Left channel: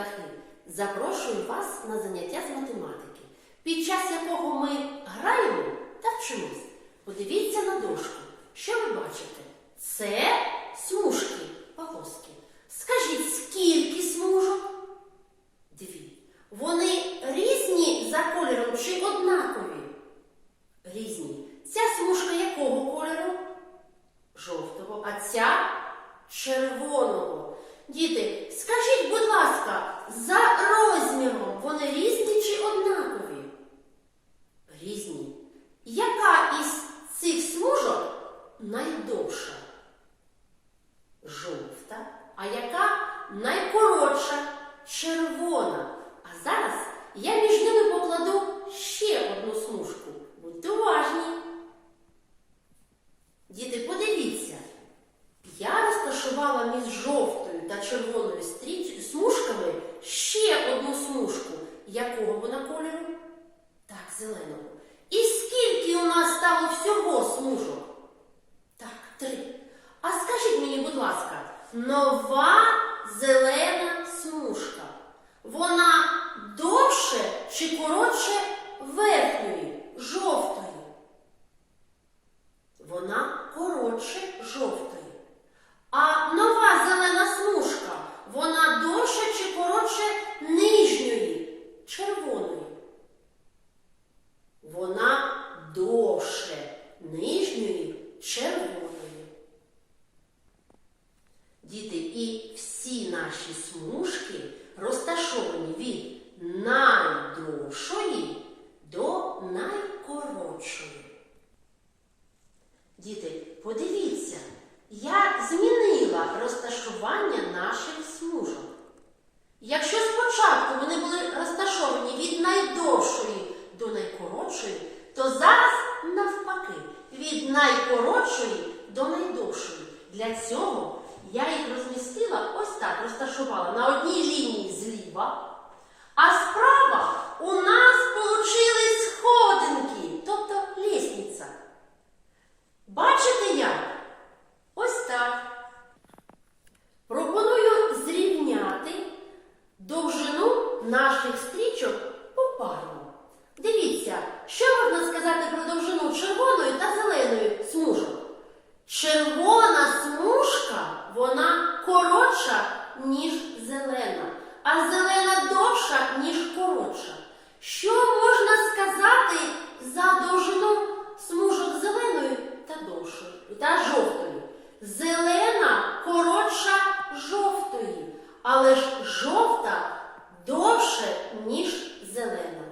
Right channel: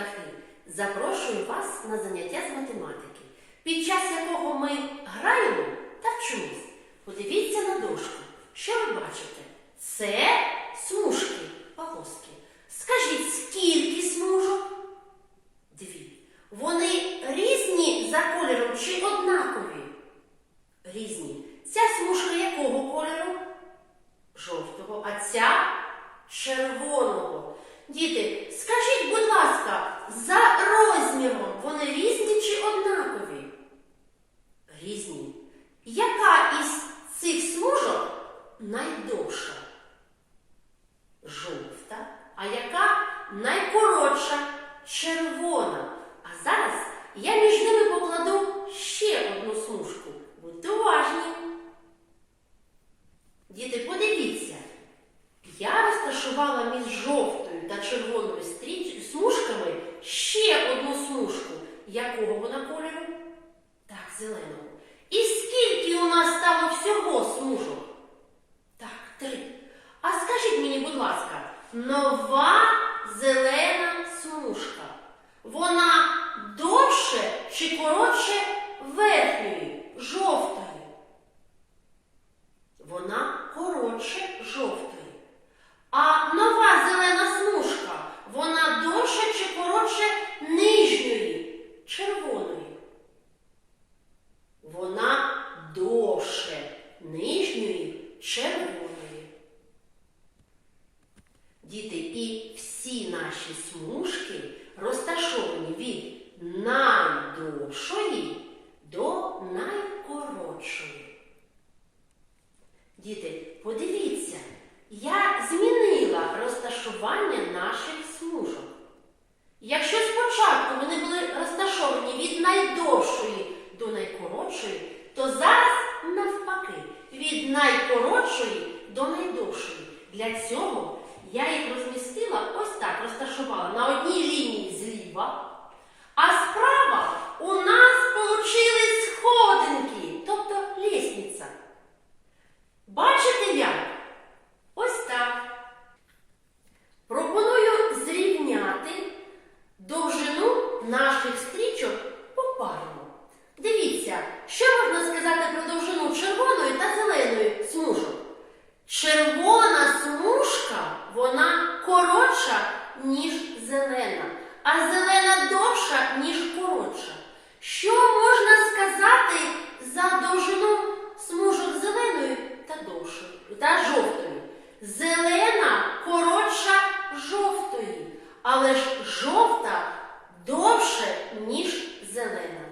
дітлахи, запрошую вас на заняття з математики, під час якого ми граємо та вчимось. Подивіться на дошку. Що ви бачите? Це смужки, полоски. Скажіть, скільки смужок? Дві. Вони різні за кольором чи однакові? Різні. Ця смужка якого кольору? Жовтого, а ця червоного. Діти, скажіть, будь ласка, за розміром вони різні чи однакові? Різні. Яка із цих смужок найдовша? Жовта. А яка найкоротша? Червона. А зараз я між ними покладу ще одну смужку. Будьте уважні. Діти, подивіться. Я жовтою та червоною смужками ще одну смужку. Якого вона кольору? Так, зеленого. І скільки у нас стало всього смужок? Так, три. А скажіть мені, будь ласка, нова зелена смужка. Вона довше чи коротше верхньої, жовтої? Вона коротше жовтої. А нова зелена смужка, вона довше чи коротше нижньої, червоної? Вона довше нижньої червоної. Діти, і всі наші смужки розташовані від найдовшої до найкоротшої. Діти, подивіться, я змінила розташування наших смужок. Якщо спочатку вони були розташовані від найдовшої до найкоротшої, то зараз навпаки, від найкоротшої до найдовшої. Для цього я їх розмістила ось так, розташувала на одній лінії зліва, а справа у нас получили сходинки, тобто лісниця. Бачите як? Ось так. Пропоную зрівняти довжину наших стрічок попарно. Дивіться, що можна сказати про довжину червоної та зеленої смужок. Червона смужка, вона коротша, ніж зелена, а зелена довша, ніж коротша. Що можна сказати за довжину смужок зеленої та довшої та жовтої? Зелена коротша жовтої, але ж жовта довше, ніж зелена.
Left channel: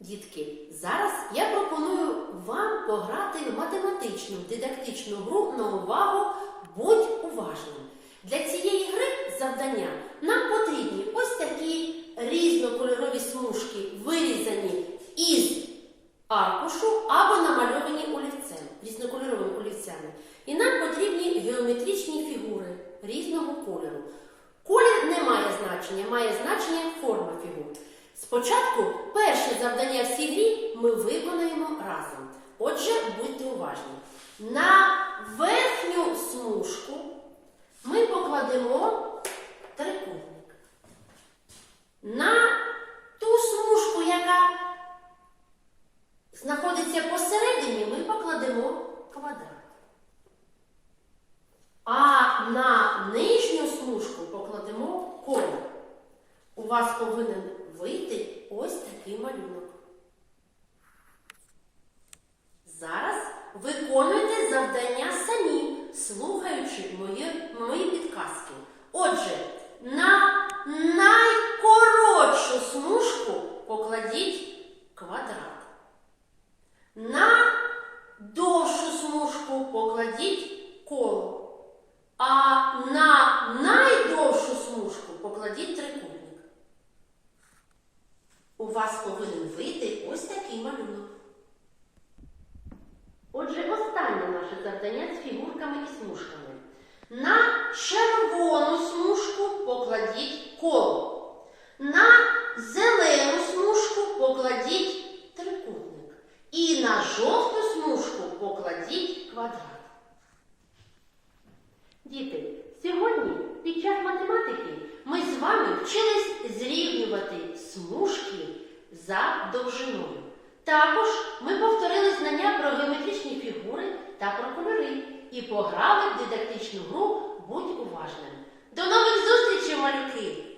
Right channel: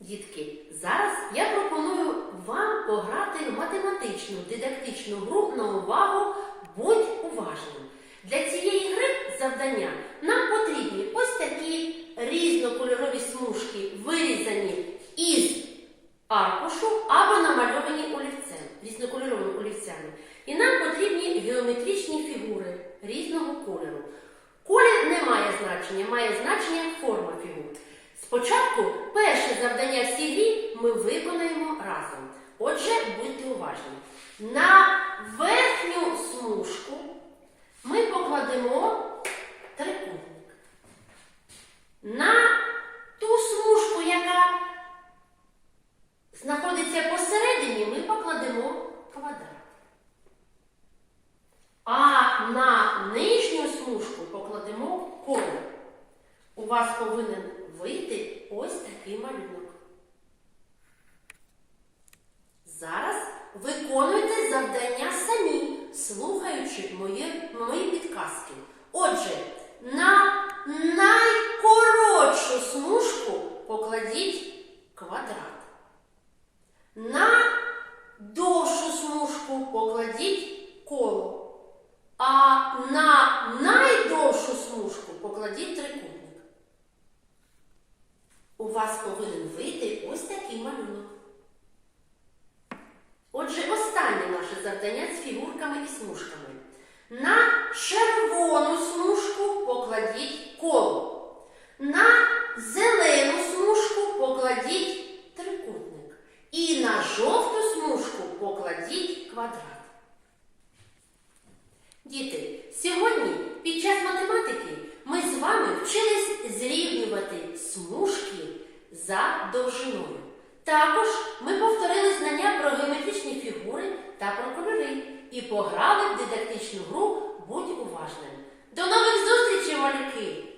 Дітки, зараз я пропоную вам пограти в математичну дидактичну гру на увагу Будь уважним. Для цієї гри завдання нам потрібні ось такі різнокольорові смужки, вирізані із аркушу або намальовані олівцем, різнокольоровими олівцями. І нам потрібні значення, має значення форма фігур. Спочатку перше завдання в грі ми виконаємо разом. Отже, будьте уважні. На верхню смужку ми покладемо трикутник. На ту смужку, яка знаходиться посередині, ми покладемо квадрат. А на нижню смужку покладемо коло. У вас повинен вийти ось такий малюнок. Зараз виконуйте завдання самі, слухаючи мої, мої підказки. Отже, на найкоротшу смужку покладіть квадрат. На довшу смужку покладіть коло. А на найдовшу смужку покладіть трикутник. У вас повинен вийти ось такий малюнок. Отже, останнє наше завдання з фігурками і смужками. На червону смужку покладіть коло. На зелену смужку покладіть трикутник. І на жовту смужку покладіть квадрат. Діти, сьогодні під час математики ми з вами вчились зрівнювати смужки за довжиною. Також ми повторили знання та про і пограли в дидактичну гру Будь уважним. До нових зустрічей, малюки!